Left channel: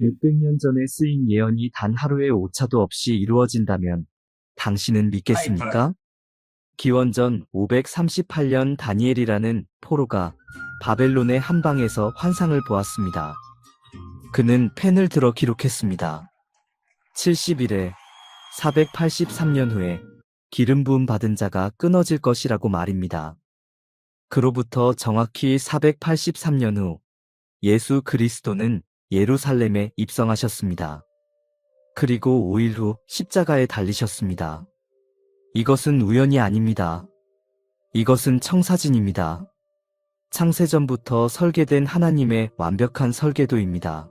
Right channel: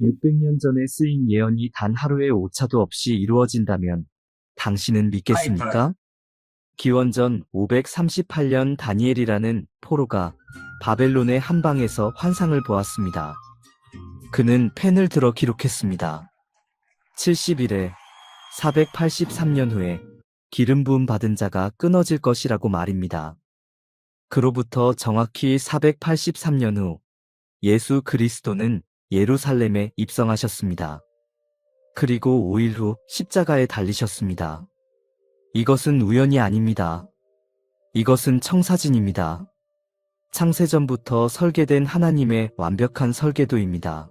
600년 전에 쓰인 예언이 단 하루의 오차도 없이 이루어진다면 당신은 믿겠습니까? 기원전 538년 다니엘이라는 포로가 바벨론의 한 방에서 환상을 보았습니다. 그는 펜을 들어 기록했습니다. 70일에 483년 후에 기름 부음 받은 자가 끊어질 것이라고 말입니다. 그로부터 정확히 483년 후 예수 그리스도는 예루살렘에 입성하셨습니다. 그리고 5일 후 십자가에 달리셨습니다. 이것은 우연이 아닙니다. 이것은 청사진입니다. 창세전부터 설계된 하나님의 완벽한 설계도입니다.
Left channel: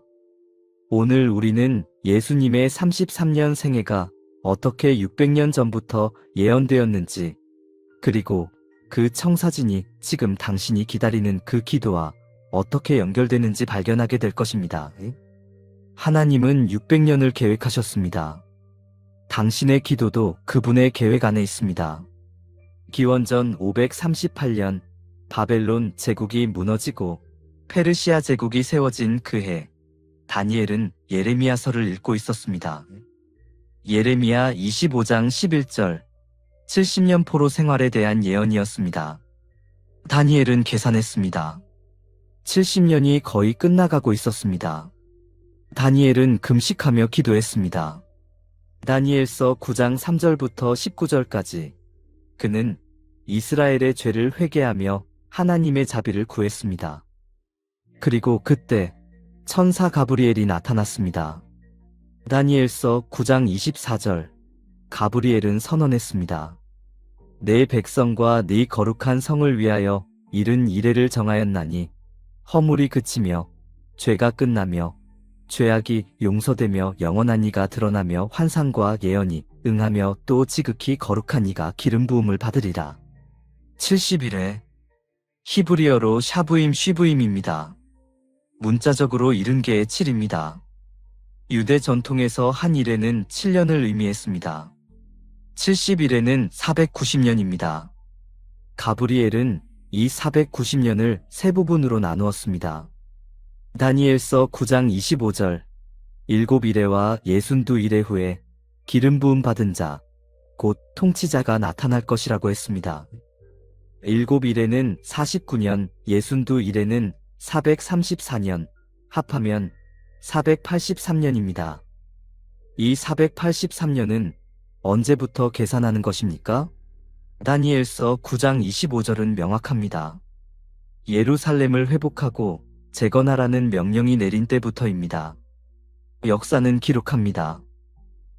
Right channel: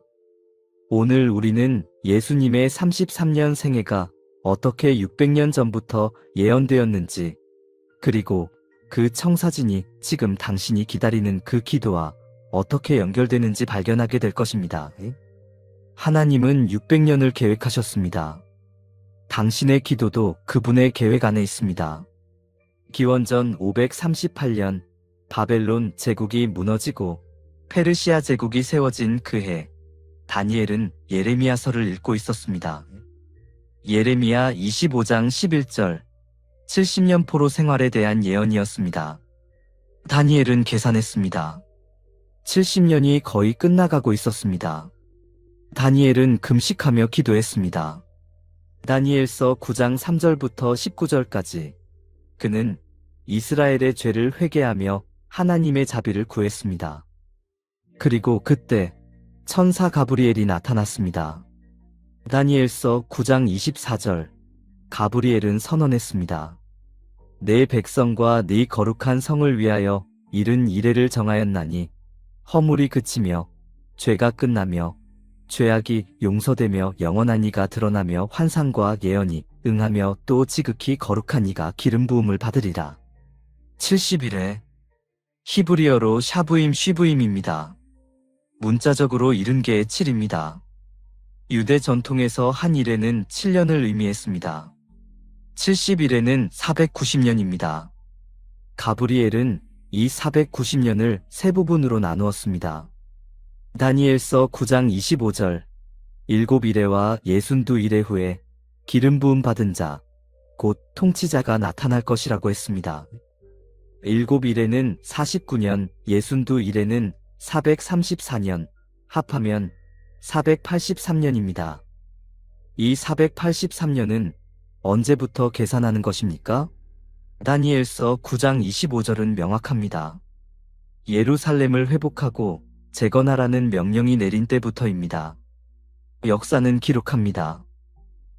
오늘 우리는 예수님의 33년 생애가 어떻게 600년 전부터 예언되었는지, 그리고 그 청사진이 지금 당신이 기다리는 그 기도와 어떻게 연결되는지 발견하게 될 것입니다. 하나님은 600년을 계획하셨습니다. 당신의 기도도 그분의 계획 안에 있습니다. 기원전 538년 바벨론 제국이 무너지고 페르시아 제국이 세워진 그 해, 다니엘은 예레미야서를 읽고 있었습니다. 예레미야 25장 11절, 70년 포로 생활에 대한 예언이었습니다. 다니엘은 계산했습니다. 70년이 거의 끝나가고 있었습니다. 다니엘은 금식하며 기도했습니다. 다니엘서 9장 3절부터 19절까지 그는 이스라엘의 죄를 회개하며 하나님의 자비를 구했습니다. 그리고 그때 천사 가브리엘이 나타났습니다. 다니엘서 9장 24절, 가브리엘은 선언했습니다. 내 백성과 네 거룩한 성을 위하여 이른 이래를 정하였나니 허물이 그치며 죄가 끝나며 죄악이 용서되며 영원한 이가 드러나며 환상과 예언이 응하며 또 지극히 거룩한 이가 기름 부음을 받으리라. 70일에 히브리어로 샤부임 쉬부임입니다. 문자적으로 70개의 7입니다. 유대 전통에서 한 일에는 7년을 의미했습니다. 70일에는 490년입니다. 가브리엘은 이 490년을 세 부분으로 나누었습니다. 다니엘서 9장 25절, 7일에와 62일에 후에 기름 부음 받은 자, 곧 통치자가 나타날 것이라고 했습니다. 7일에는 49년, 62일에는 434년, 합하면 483년입니다. 이 483년은 언제부터 계산하는 것입니까? 다니엘서 9장 25절은 명확합니다. 예루살렘을 회복하고 재건하라는 명령이 내린 때부터입니다. 역사는 기록합니다.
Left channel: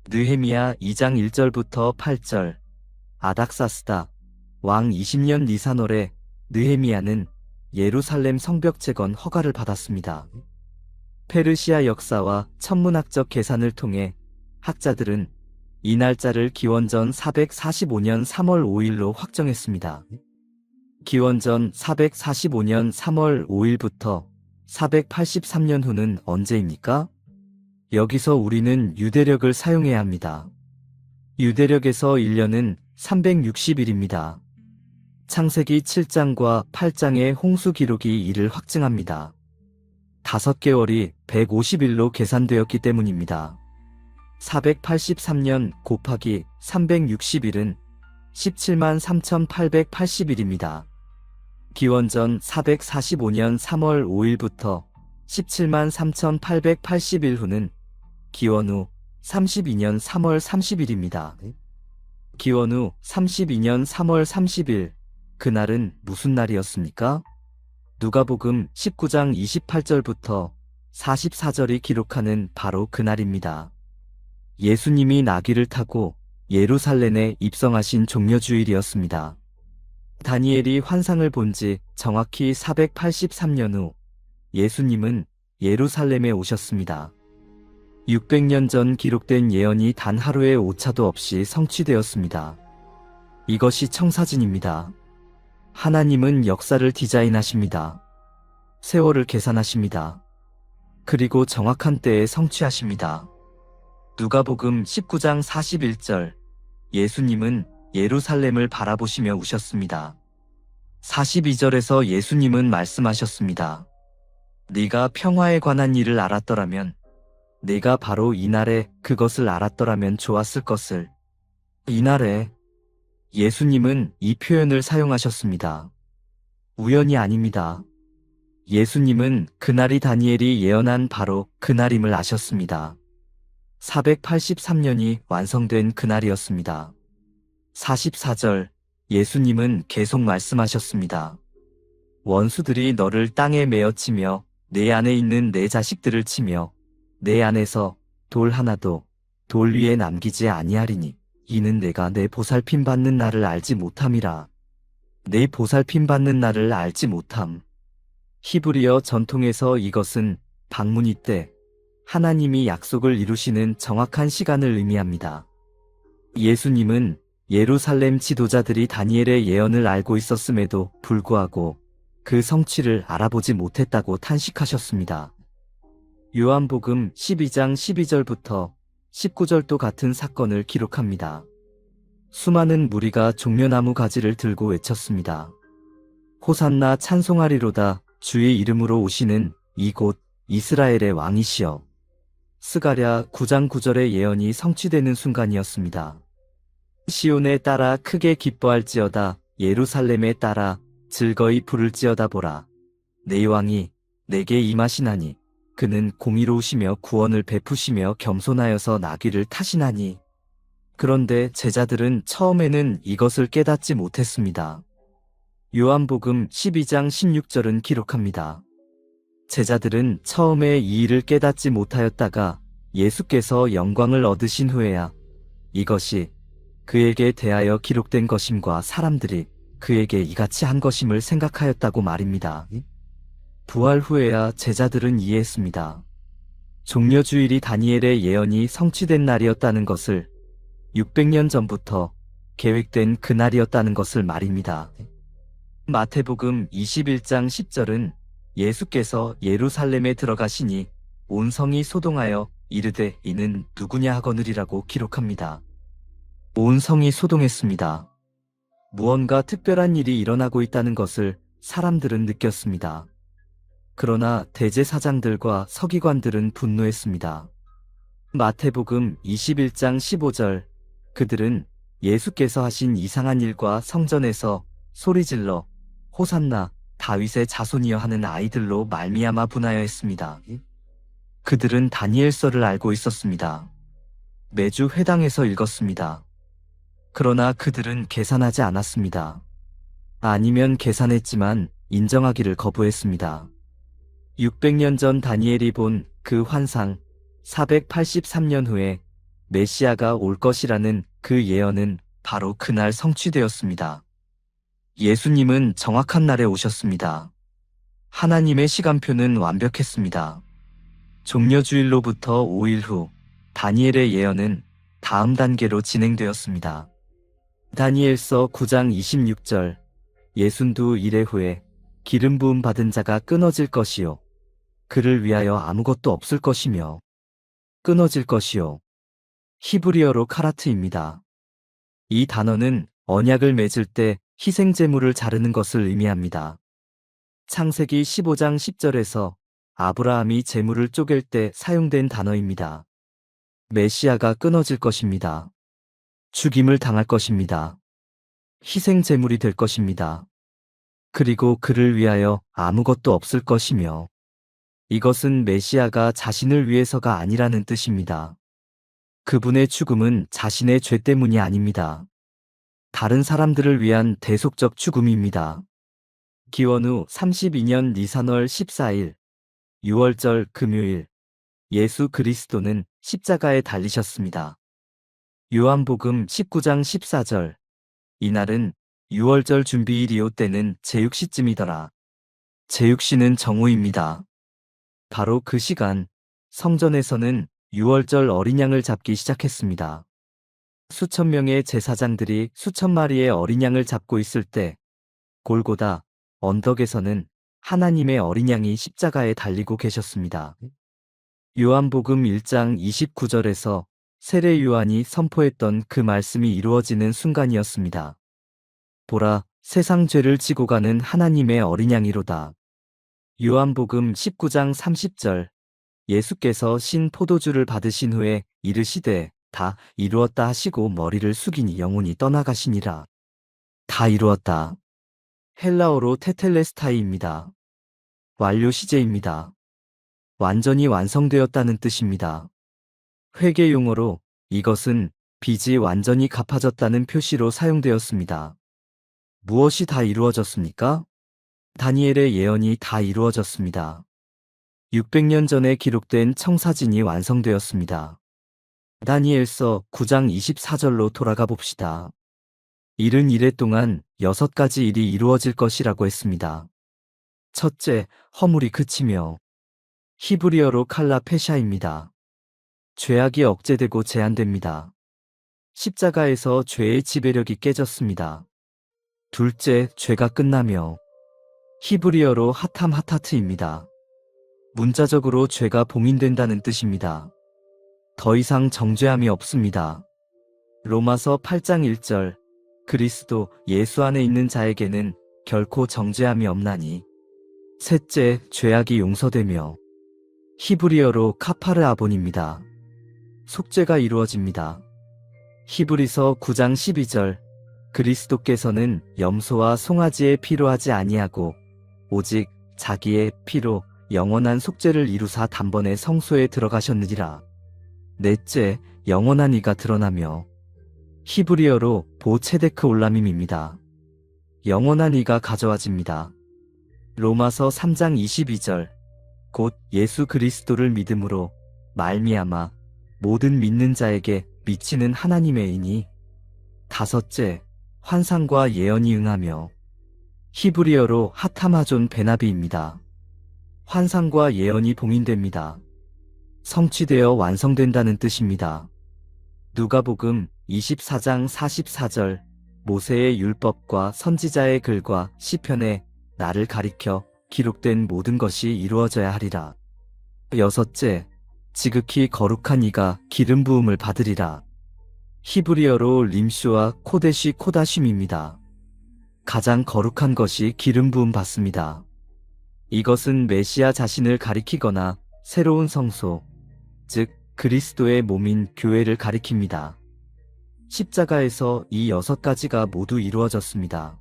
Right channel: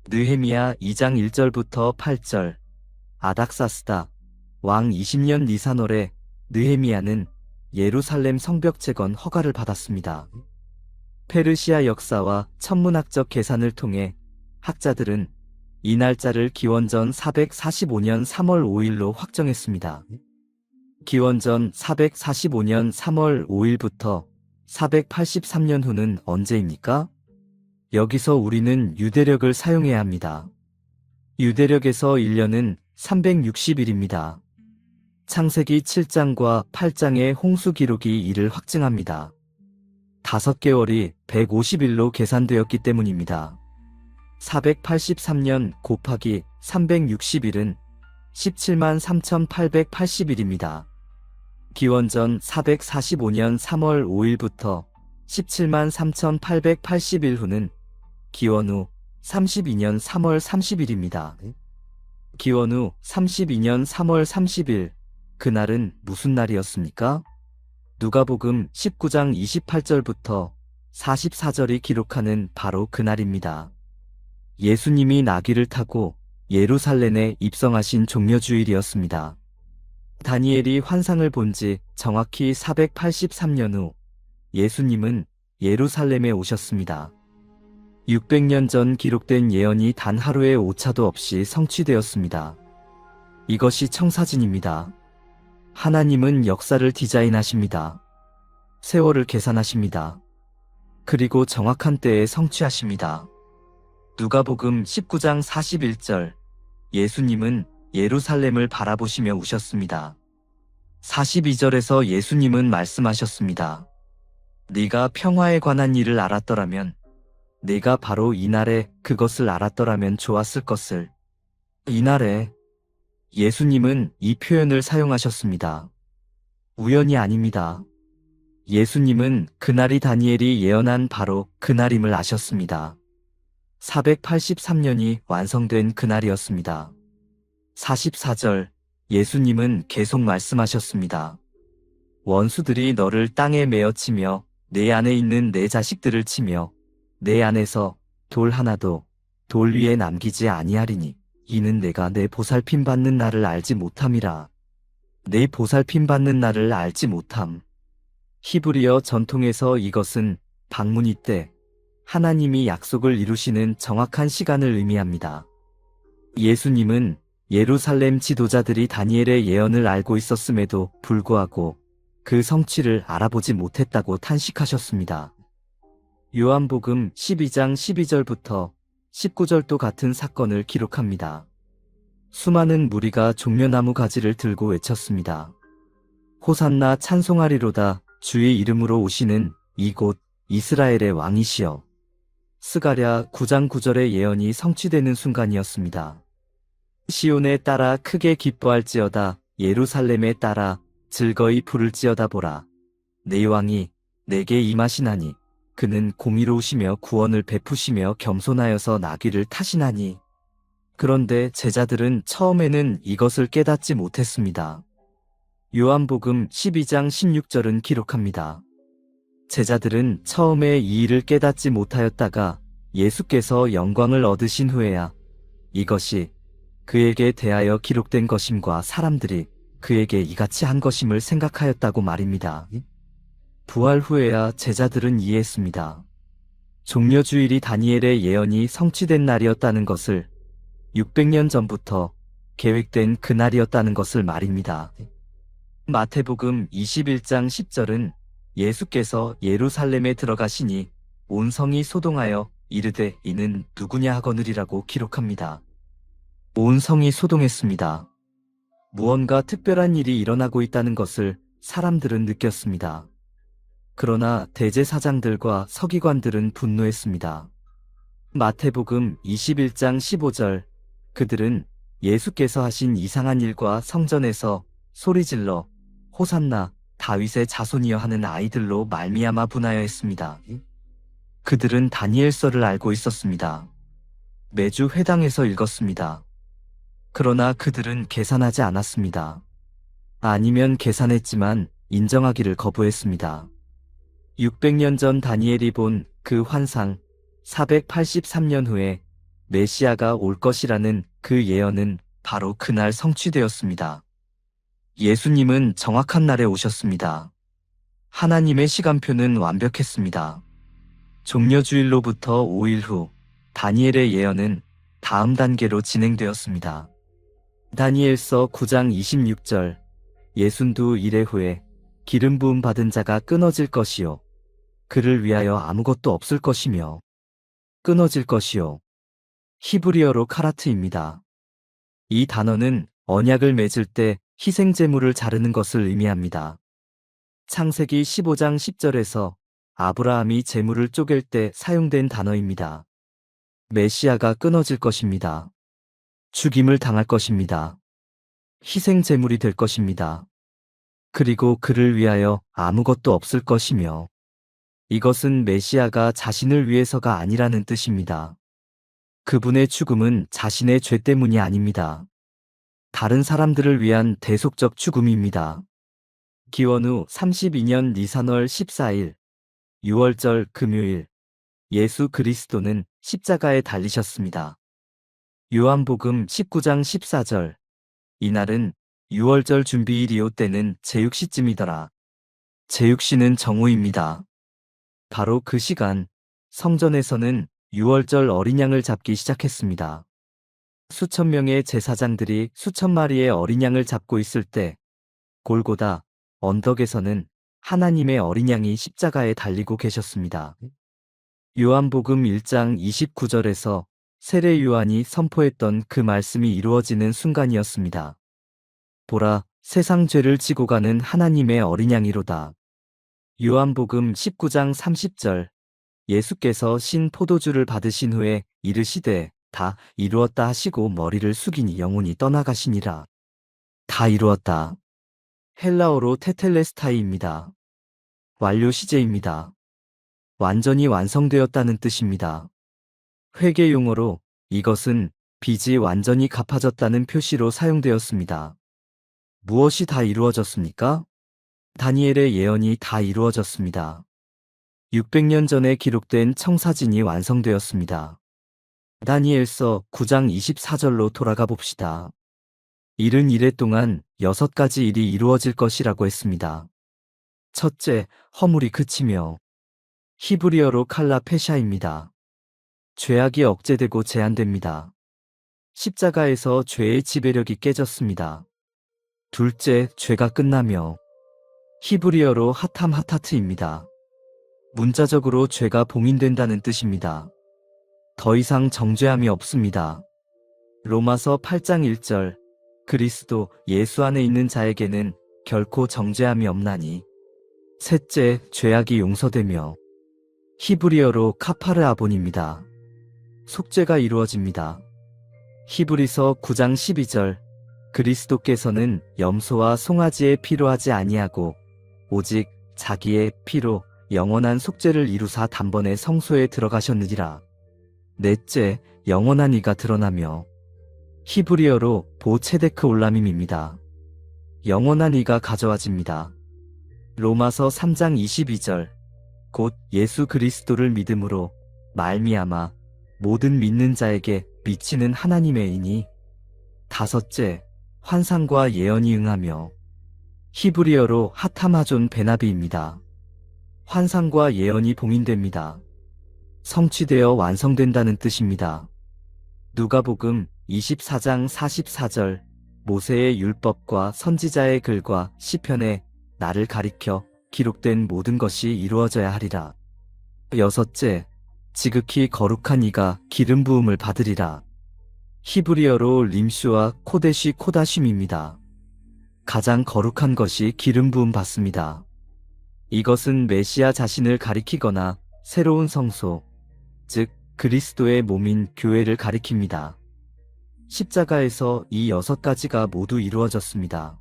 느헤미야 2장 1절부터 8절, 아닥사스다 왕 20년 니산월에 느헤미야는 예루살렘 성벽 재건 허가를 받았습니다. 페르시아 역사와 천문학적 계산을 통해 학자들은 이 날짜를 기원전 445년 3월 5일로 확정했습니다. 기원전 445년 3월 5일부터 483년 후는 언제입니까? 여기서 우리는 유대력을 사용해야 합니다. 유대력에서 1년은 360일입니다. 창세기 7장과 8장의 홍수 기록이 이를 확증합니다. 5개월이 150일로 계산되었기 때문입니다. 483년 곱하기 360일은 17만 3,880일입니다. 기원전 445년 3월 5일부터 17만 3,880일 후는 기원 후 32년 3월 30일입니다. 기원 후 32년 3월 30일, 그날은 무슨 날이었습니까? 누가복음 19장 28절부터 44절이 기록하는 바로 그날입니다. 예수님이 나귀를 타고 예루살렘에 입성하신 종려주일이었습니다. 다니엘이 환상을 본 지 정확히 483년 후 예수님은 예루살렘에 오셨습니다. 600년 전 기록된 예언이 단 하루의 오차도 없이 성취되었습니다. 이것이 청사진입니다. 하나님은 역사를 디자인하십니다. 세월을 계산하십니다. 그리고 정확한 때에 성취하십니다. 누가복음 19장 41절, 예수님은 예루살렘을 바라보시며 우셨습니다. 42절에서 예수님은 말씀하셨습니다. 네가 평화에 관한 일을 알았더라면 내가 바로 이날에 그것을 알았더라면 좋았을 것을. 이날에 예수님은 이 표현을 사용하셨습니다. 우연이 아닙니다. 예수님은 그날이 다니엘이 예언한 바로 그날임을 아셨습니다. 483년이 완성된 그날이었습니다. 44절 예수님은 계속 말씀하셨습니다. 원수들이 너를 땅에 메어 치며 내 안에 있는 내 자식들을 치며 내 안에서 돌 하나도 돌 위에 남기지 아니하리니 이는 내가 내 보살핌 받는 날을 알지 못함이라. 내 보살핌 받는 날을 알지 못함. 히브리어 전통에서 이것은 방문이 때 하나님이 약속을 이루시는 정확한 시간을 의미합니다. 예수님은 예루살렘 지도자들이 다니엘의 예언을 알고 있었음에도 불구하고 그 성취를 알아보지 못했다고 탄식하셨습니다. 요한복음 12장 12절부터 19절도 같은 사건을 기록합니다. 수많은 무리가 종려나무 가지를 들고 외쳤습니다. 호산나 찬송하리로다 주의 이름으로 오시는 이곳 이스라엘의 왕이시여. 스가랴 9장 9절의 예언이 성취되는 순간이었습니다. 시온에 따라 크게 기뻐할지어다 예루살렘에 따라 즐거이 부를지어다 보라. 내 왕이 내게 임하시나니 그는 공의로우시며 구원을 베푸시며 겸손하여서 나귀를 타시나니. 그런데 제자들은 처음에는 이것을 깨닫지 못했습니다. 요한복음 12장 16절은 기록합니다. 제자들은 처음에 이 일을 깨닫지 못하였다가 예수께서 영광을 얻으신 후에야 이것이 그에게 대하여 기록된 것임과 사람들이 그에게 이같이 한 것임을 생각하였다고 말입니다. 부활 후에야 제자들은 이해했습니다. 종려주일이 다니엘의 예언이 성취된 날이었다는 것을 600년 전부터 계획된 그날이었다는 것을 말입니다. 마태복음 21장 10절은 예수께서 예루살렘에 들어가시니 온 성이 소동하여 이르되 이는 누구냐 하거느리라고 기록합니다. 온 성이 소동했습니다. 무언가 특별한 일이 일어나고 있다는 것을 사람들은 느꼈습니다. 그러나 대제사장들과 서기관들은 분노했습니다. 마태복음 21장 15절 그들은 예수께서 하신 이상한 일과 성전에서 소리질러 호산나 다윗의 자손이여 하는 아이들로 말미암아 분하여 했습니다. 그들은 다니엘서를 알고 있었습니다. 매주 회당에서 읽었습니다. 그러나 그들은 계산하지 않았습니다. 아니면 계산했지만 인정하기를 거부했습니다. 600년 전 다니엘이 본 그 환상, 483년 후에 메시아가 올 것이라는 그 예언은 바로 그날 성취되었습니다. 예수님은 정확한 날에 오셨습니다. 하나님의 시간표는 완벽했습니다. 종려주일로부터 5일 후 다니엘의 예언은 다음 단계로 진행되었습니다. 다니엘서 9장 26절 예순두 일회 후에 기름 부음 받은 자가 끊어질 것이요 그를 위하여 아무것도 없을 것이며 끊어질 것이요 히브리어로 카라트입니다. 이 단어는 언약을 맺을 때 희생제물을 자르는 것을 의미합니다. 창세기 15장 10절에서 아브라함이 제물을 쪼갤 때 사용된 단어입니다. 메시아가 끊어질 것입니다. 죽임을 당할 것입니다. 희생제물이 될 것입니다. 그리고 그를 위하여 아무것도 없을 것이며 이것은 메시아가 자신을 위해서가 아니라는 뜻입니다. 그분의 죽음은 자신의 죄 때문이 아닙니다. 다른 사람들을 위한 대속적 죽음입니다. 기원 후 32년 니산월 14일 6월절 금요일 예수 그리스도는 십자가에 달리셨습니다. 요한복음 19장 14절 이날은 6월절 준비일이요 때는 제6시쯤이더라. 제6시는 정오입니다. 바로 그 시간 성전에서는 6월절 어린 양을 잡기 시작했습니다. 수천 명의 제사장들이 수천 마리의 어린 양을 잡고 있을 때 골고다 언덕에서는 하나님의 어린 양이 십자가에 달리고 계셨습니다. 요한복음 1장 29절에서 세례 요한이 선포했던 그 말씀이 이루어지는 순간이었습니다. 보라, 세상 죄를 지고 가는 하나님의 어린 양이로다. 요한복음 19장 30절 예수께서 신 포도주를 받으신 후에 이르시되 다 이루었다 하시고 머리를 숙이니 영혼이 떠나가시니라. 다 이루었다. 헬라어로 테텔레스타이입니다. 완료 시제입니다. 완전히 완성되었다는 뜻입니다. 회계 용어로 이것은 빚이 완전히 갚아졌다는 표시로 사용되었습니다. 무엇이 다 이루어졌습니까? 다니엘의 예언이 다 이루어졌습니다. 600년 전에 기록된 청사진이 완성되었습니다. 다니엘서 9장 24절로 돌아가 봅시다. 일은 이래 동안 6가지 일이 이루어질 것이라고 했습니다. 첫째, 허물이 그치며 히브리어로 칼라 페샤입니다. 죄악이 억제되고 제한됩니다. 십자가에서 죄의 지배력이 깨졌습니다. 둘째, 죄가 끝나며 히브리어로 하탐 하타트입니다. 문자적으로 죄가 봉인된다는 뜻입니다. 더 이상 정죄함이 없습니다. 로마서 8장 1절 그리스도 예수 안에 있는 자에게는 결코 정죄함이 없나니. 셋째, 죄악이 용서되며 히브리어로 카파르 아본입니다. 속죄가 이루어집니다. 히브리서 9장 12절 그리스도께서는 염소와 송아지의 피로 하지 아니하고 오직 자기의 피로 영원한 속죄를 이루사 단번에 성소에 들어가셨느니라. 넷째, 영원한 이가 드러나며 히브리어로 보체데크 올라밈입니다. 영원한 이가 가져와집니다. 로마서 3장 22절 곧 예수 그리스도를 믿음으로 말미암아 모든 믿는 자에게 미치는 하나님의 의니. 다섯째, 환상과 예언이 응하며 히브리어로 하타마존 베나비입니다. 환상과 예언이 봉인됩니다. 성취되어 완성된다는 뜻입니다. 누가복음 24장 44절 모세의 율법과 선지자의 글과 시편에 나를 가리켜 기록된 모든 것이 이루어져야 하리라. 여섯째, 지극히 거룩한 이가 기름 부음을 받으리라. 히브리어로 림슈와 코데시 코다심입니다. 가장 거룩한 것이 기름 부음 받습니다. 이것은 메시아 자신을 가리키거나 새로운 성소, 즉 그리스도의 몸인 교회를 가리킵니다. 십자가에서 이 6가지가 모두 이루어졌습니다.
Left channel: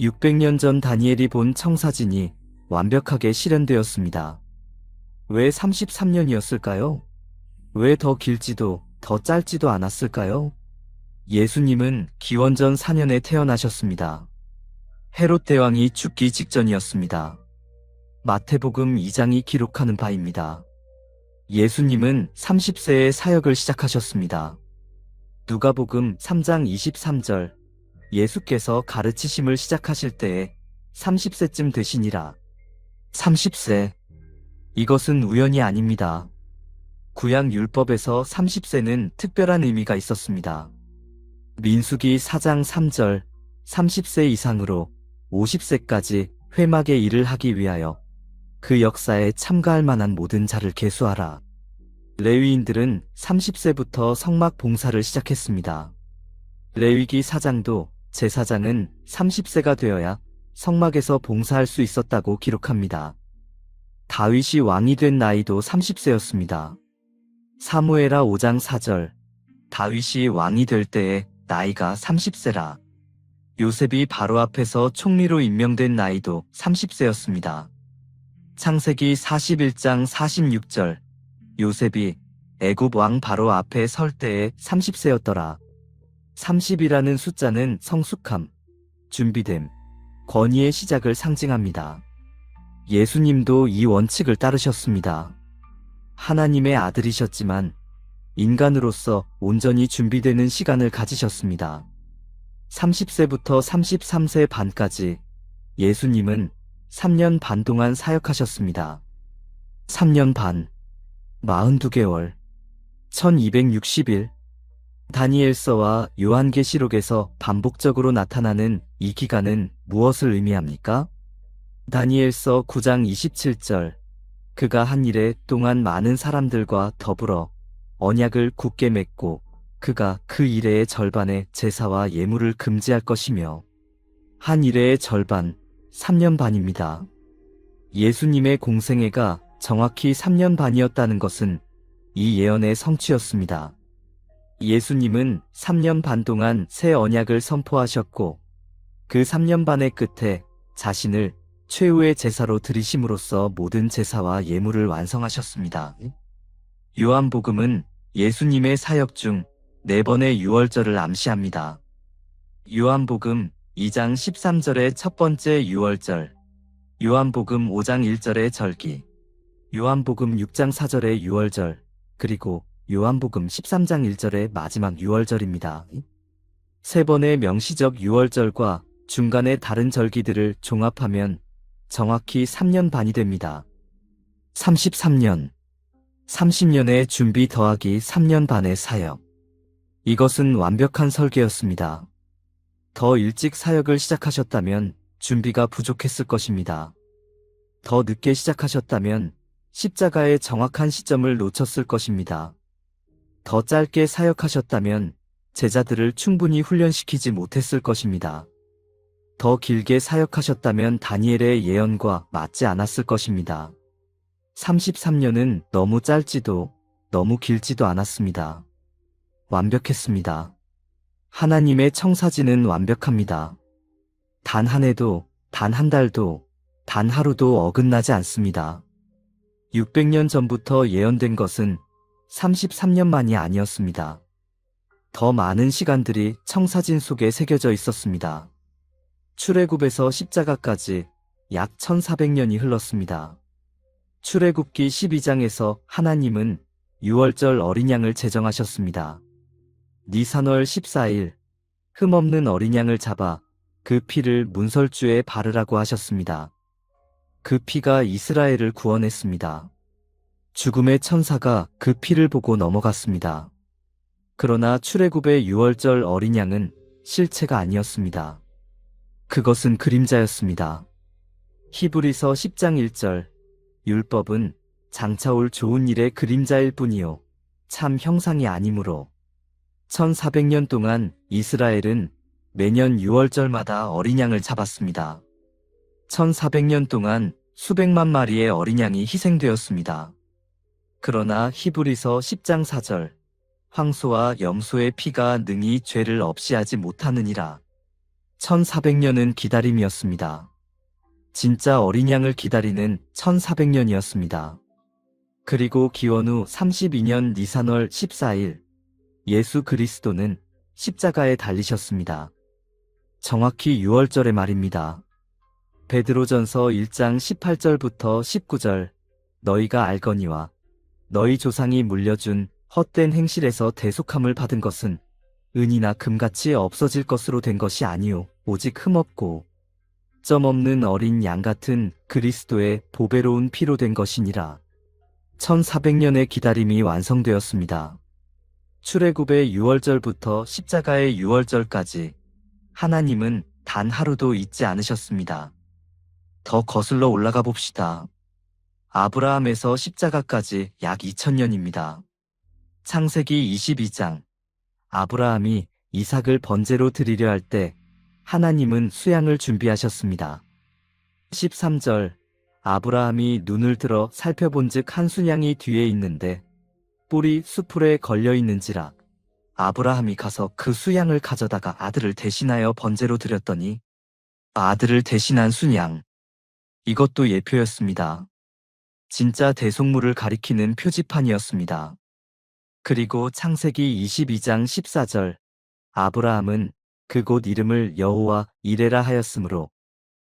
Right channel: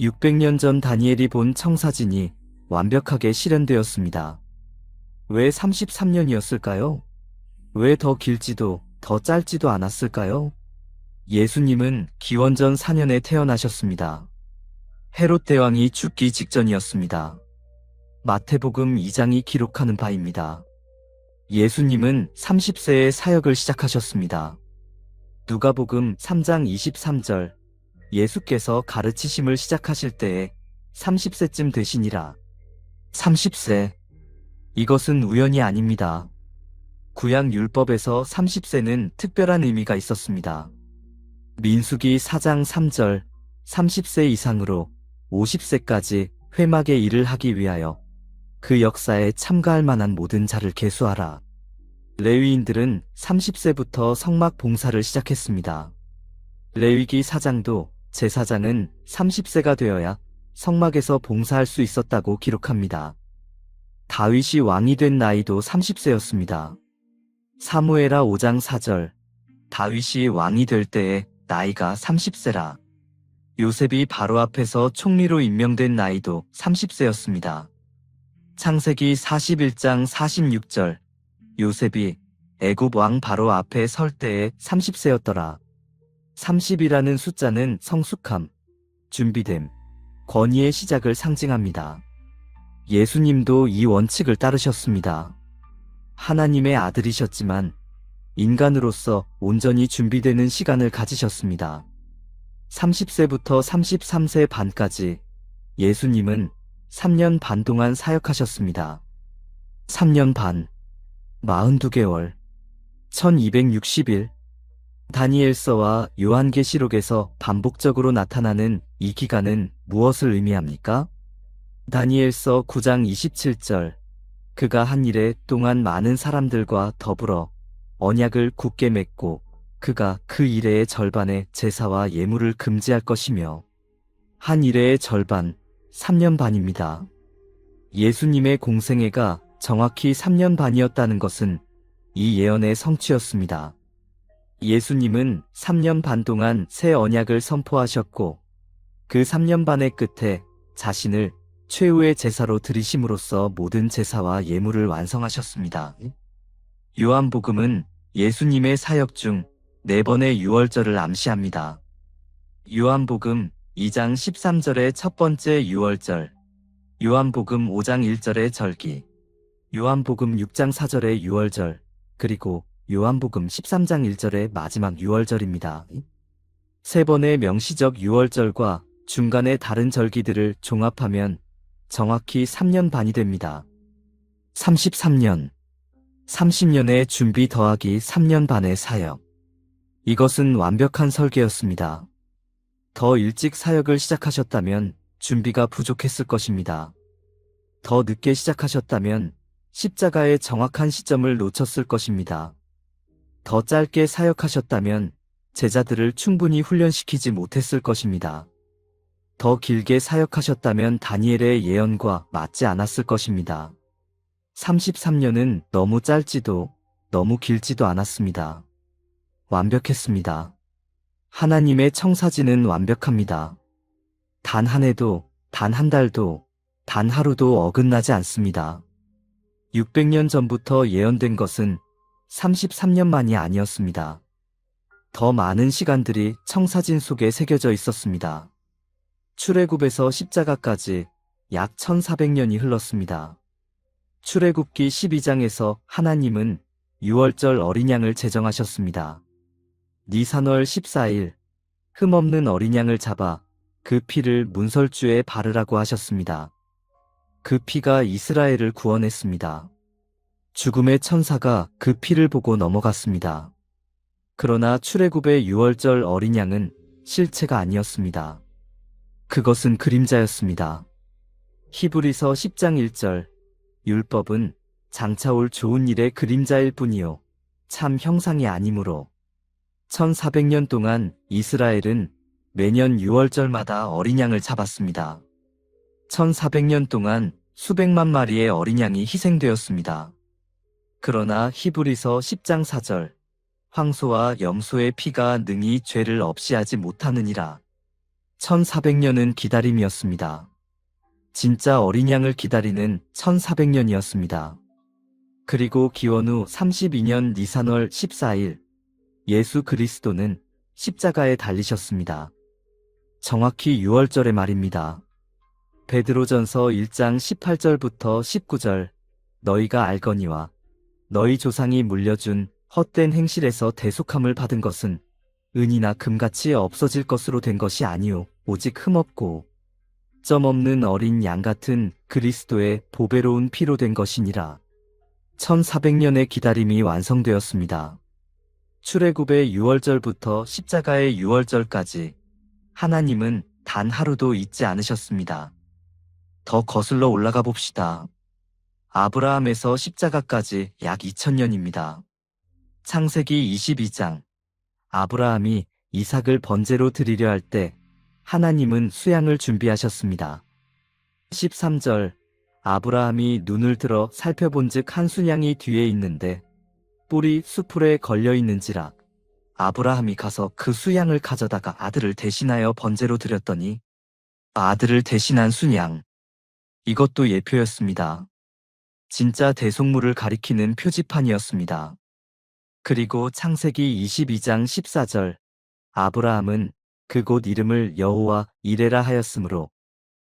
600년 전 다니엘이 본 청사진이 완벽하게 실현되었습니다. 왜 33년이었을까요? 왜 더 길지도 더 짧지도 않았을까요? 예수님은 기원전 4년에 태어나셨습니다. 헤롯 대왕이 죽기 직전이었습니다. 마태복음 2장이 기록하는 바입니다. 예수님은 30세에 사역을 시작하셨습니다. 누가복음 3장 23절 예수께서 가르치심을 시작하실 때에 30세쯤 되시니라. 30세. 이것은 우연이 아닙니다. 구약 율법에서 30세는 특별한 의미가 있었습니다. 민수기 4장 3절 30세 이상으로 50세까지 회막의 일을 하기 위하여 그 역사에 참가할 만한 모든 자를 계수하라. 레위인들은 30세부터 성막 봉사를 시작했습니다. 레위기 4장도 제사장은 30세가 되어야 성막에서 봉사할 수 있었다고 기록합니다. 다윗이 왕이 된 나이도 30세였습니다. 사무엘하 5장 4절 다윗이 왕이 될 때에 나이가 30세라. 요셉이 바로 앞에서 총리로 임명된 나이도 30세였습니다. 창세기 41장 46절 요셉이 애굽 왕 바로 앞에 설 때에 30세였더라. 30이라는 숫자는 성숙함, 준비됨, 권위의 시작을 상징합니다. 예수님도 이 원칙을 따르셨습니다. 하나님의 아들이셨지만 인간으로서 온전히 준비되는 시간을 가지셨습니다. 30세부터 33세 반까지 예수님은 3년 반 동안 사역하셨습니다. 3년 반, 42개월, 1260일. 다니엘서와 요한계시록에서 반복적으로 나타나는 이 기간은 무엇을 의미합니까? 다니엘서 9장 27절 그가 한 일에 동안 많은 사람들과 더불어 언약을 굳게 맺고 그가 그 일의 절반의 제사와 예물을 금지할 것이며 한 일의 절반 3년 반입니다. 예수님의 공생애가 정확히 3년 반이었다는 것은 이 예언의 성취였습니다. 예수님은 3년 반 동안 새 언약을 선포하셨고 그 3년 반의 끝에 자신을 최후의 제사로 드리심으로써 모든 제사와 예물을 완성하셨습니다. 요한복음은 예수님의 사역 중 4번의 유월절을 암시합니다. 요한복음 2장 13절의 첫 번째 유월절, 요한복음 5장 1절의 절기, 요한복음 6장 4절의 유월절, 그리고 요한복음 13장 1절의 마지막 유월절입니다. 3번의 명시적 유월절과 중간의 다른 절기들을 종합하면 정확히 3년 반이 됩니다. 33년, 30년의 준비 더하기 3년 반의 사역. 이것은 완벽한 설계였습니다. 더 일찍 사역을 시작하셨다면 준비가 부족했을 것입니다. 더 늦게 시작하셨다면 십자가의 정확한 시점을 놓쳤을 것입니다. 더 짧게 사역하셨다면 제자들을 충분히 훈련시키지 못했을 것입니다. 더 길게 사역하셨다면 다니엘의 예언과 맞지 않았을 것입니다. 33년은 너무 짧지도 너무 길지도 않았습니다. 완벽했습니다. 하나님의 청사진은 완벽합니다. 단 한 해도, 단 한 달도, 단 하루도 어긋나지 않습니다. 600년 전부터 예언된 것은 33년만이 아니었습니다. 더 많은 시간들이 청사진 속에 새겨져 있었습니다. 출애굽에서 십자가까지 약 1400년이 흘렀습니다. 출애굽기 12장에서 하나님은 6월절 어린 양을 제정하셨습니다. 니산월 14일 흠없는 어린 양을 잡아 그 피를 문설주에 바르라고 하셨습니다. 그 피가 이스라엘을 구원했습니다. 죽음의 천사가 그 피를 보고 넘어갔습니다. 그러나 출애굽의 6월절 어린 양은 실체가 아니었습니다. 그것은 그림자였습니다. 히브리서 10장 1절 율법은 장차 올 좋은 일의 그림자일 뿐이요 참 형상이 아니므로 1400년 동안 이스라엘은 매년 6월절마다 어린 양을 잡았습니다. 1400년 동안 수백만 마리의 어린 양이 희생되었습니다. 그러나 히브리서 10장 4절 황소와 염소의 피가 능히 죄를 없이 하지 못하느니라. 1400년은 기다림이었습니다. 진짜 어린 양을 기다리는 1400년이었습니다. 그리고 기원 후 32년 니산월 14일 예수 그리스도는 십자가에 달리셨습니다. 정확히 6월절의 말입니다. 베드로전서 1장 18절부터 19절 너희가 알거니와 너희 조상이 물려준 헛된 행실에서 대속함을 받은 것은 은이나 금같이 없어질 것으로 된 것이 아니오 오직 흠없고 점 없는 어린 양 같은 그리스도의 보배로운 피로 된 것이니라. 1400년의 기다림이 완성되었습니다. 출애굽의 6월절부터 십자가의 6월절까지 하나님은 단 하루도 잊지 않으셨습니다. 더 거슬러 올라가 봅시다. 아브라함에서 십자가까지 약 2000년입니다. 창세기 22장 아브라함이 이삭을 번제로 드리려 할 때 하나님은 수양을 준비하셨습니다. 13절 아브라함이 눈을 들어 살펴본즉 한 순양이 뒤에 있는데 뿔이 수풀에 걸려있는지라 아브라함이 가서 그 수양을 가져다가 아들을 대신하여 번제로 드렸더니 아들을 대신한 순양. 이것도 예표였습니다. 진짜 대속물을 가리키는 표지판이었습니다. 그리고 창세기 22장 14절 아브라함은 그곳 이름을 여호와 이레라 하였으므로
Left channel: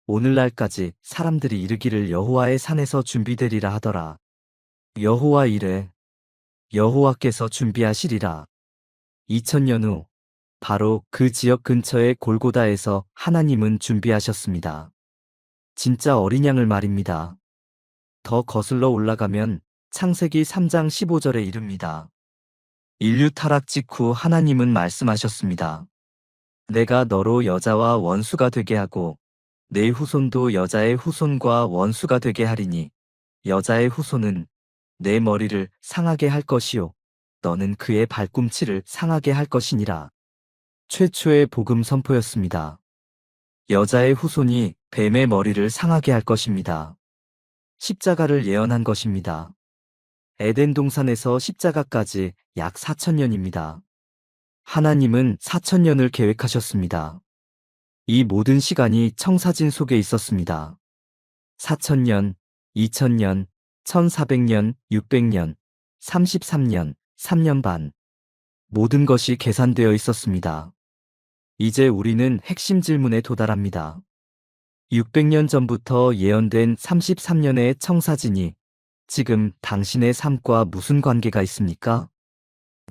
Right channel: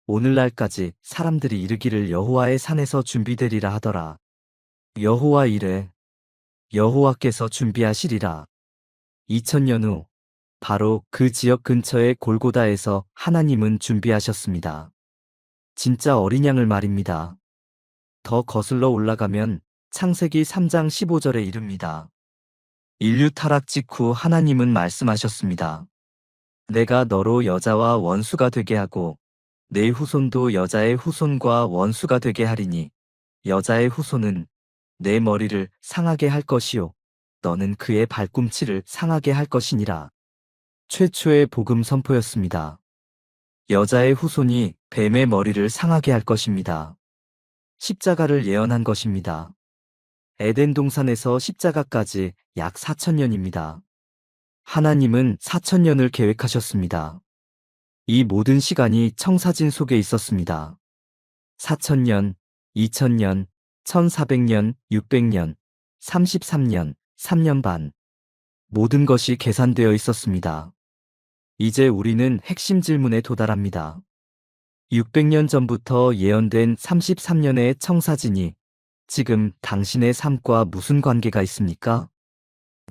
오늘날까지 사람들이 이르기를 여호와의 산에서 준비되리라 하더라. 여호와 이레 여호와께서 준비하시리라. 2000년 후 바로 그 지역 근처의 골고다에서 하나님은 준비하셨습니다. 진짜 어린 양을 말입니다. 더 거슬러 올라가면 창세기 3장 15절에 이릅니다. 인류 타락 직후 하나님은 말씀하셨습니다. 내가 너로 여자와 원수가 되게 하고 내 후손도 여자의 후손과 원수가 되게 하리니 여자의 후손은 내 머리를 상하게 할 것이요 너는 그의 발꿈치를 상하게 할 것이니라. 최초의 복음 선포였습니다. 여자의 후손이 뱀의 머리를 상하게 할 것입니다. 십자가를 예언한 것입니다. 에덴 동산에서 십자가까지 약 4,000년입니다. 하나님은 4,000년을 계획하셨습니다. 이 모든 시간이 청사진 속에 있었습니다. 4,000년, 2,000년, 1,400년, 600년, 33년, 3년 반. 모든 것이 계산되어 있었습니다. 이제 우리는 핵심 질문에 도달합니다. 600년 전부터 예언된 33년의 청사진이 지금 당신의 삶과 무슨 관계가 있습니까?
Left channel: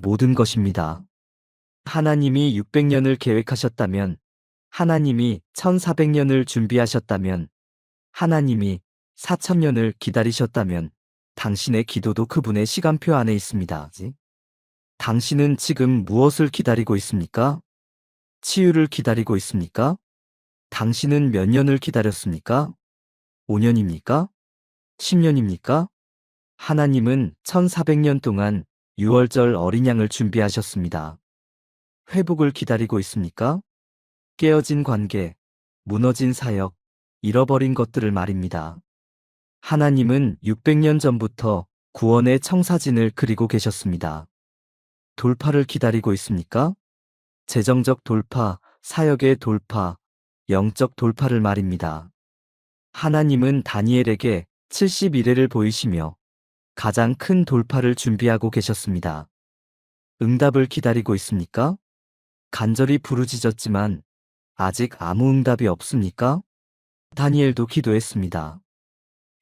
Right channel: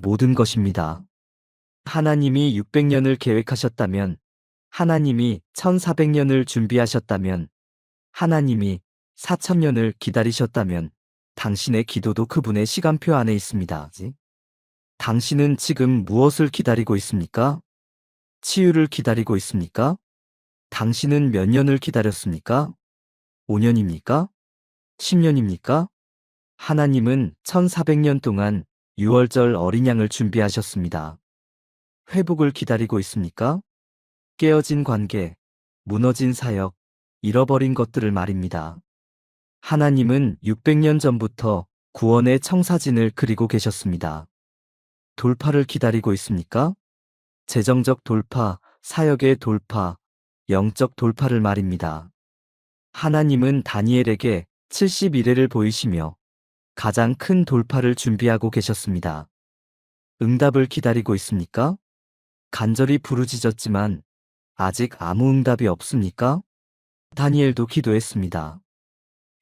모든 것입니다. 하나님이 600년을 계획하셨다면, 하나님이 1400년을 준비하셨다면, 하나님이 4000년을 기다리셨다면, 당신의 기도도 그분의 시간표 안에 있습니다. 당신은 지금 무엇을 기다리고 있습니까? 치유를 기다리고 있습니까? 당신은 몇 년을 기다렸습니까? 5년입니까? 10년입니까? 하나님은 1400년 동안 6월절 어린 양을 준비하셨습니다. 회복을 기다리고 있습니까? 깨어진 관계, 무너진 사역, 잃어버린 것들을 말입니다. 하나님은 600년 전부터 구원의 청사진을 그리고 계셨습니다. 돌파를 기다리고 있습니까? 재정적 돌파, 사역의 돌파, 영적 돌파를 말입니다. 하나님은 다니엘에게 70일을 보이시며 가장 큰 돌파를 준비하고 계셨습니다. 응답을 기다리고 있습니까? 간절히 부르짖었지만 아직 아무 응답이 없습니까? 다니엘도 기도했습니다.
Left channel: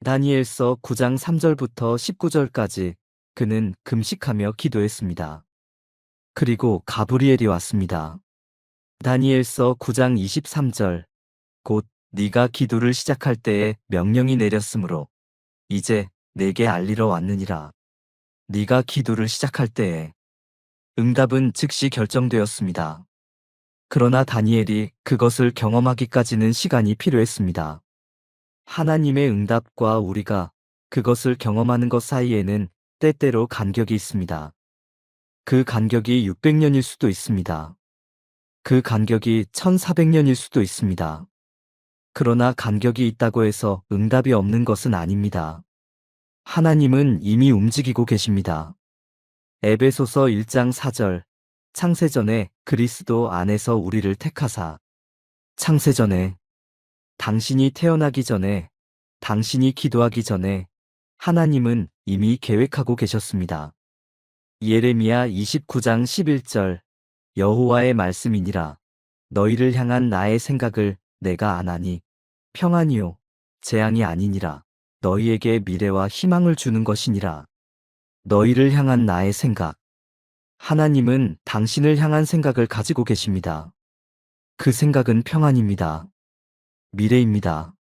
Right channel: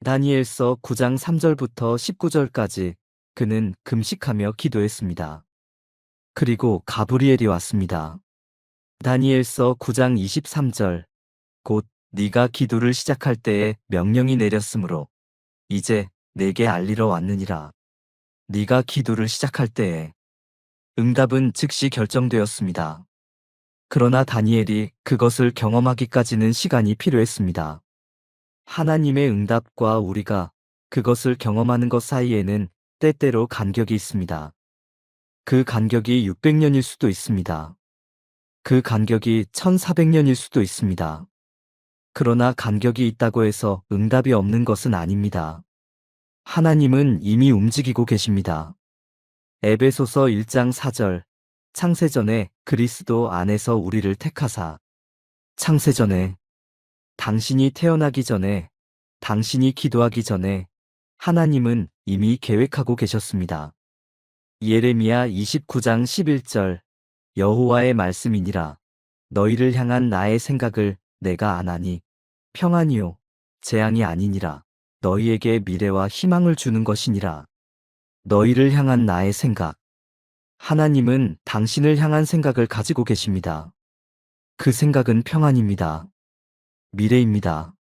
다니엘서 9장 3절부터 19절까지 그는 금식하며 기도했습니다. 그리고 가브리엘이 왔습니다. 다니엘서 9장 23절 곧 네가 기도를 시작할 때에 명령이 내렸으므로 이제 내게 알리러 왔느니라. 네가 기도를 시작할 때에 응답은 즉시 결정되었습니다. 그러나 다니엘이 그것을 경험하기까지는 시간이 필요했습니다. 하나님의 응답과 우리가 그것을 경험하는 것 사이에는 때때로 간격이 있습니다. 그 간격이 600년일 수도 있습니다. 그 간격이 1400년일 수도 있습니다. 그러나 간격이 있다고 해서 응답이 없는 것은 아닙니다. 하나님은 이미 움직이고 계십니다. 에베소서 1장 4절 창세전에 그리스도 안에서 우리를 택하사 창세전에 당신이 태어나기 전에 당신이 기도하기 전에 하나님은 이미 계획하고 계셨습니다. 예레미야 29장 11절 여호와의 말씀이니라 너희를 향한 나의 생각을 내가 아나니 평안이요 재앙이 아니니라 너희에게 미래와 희망을 주는 것이니라 너희를 향한 나의 생각 하나님은 당신을 향한 생각을 가지고 계십니다. 그 생각은 평안입니다. 미래입니다.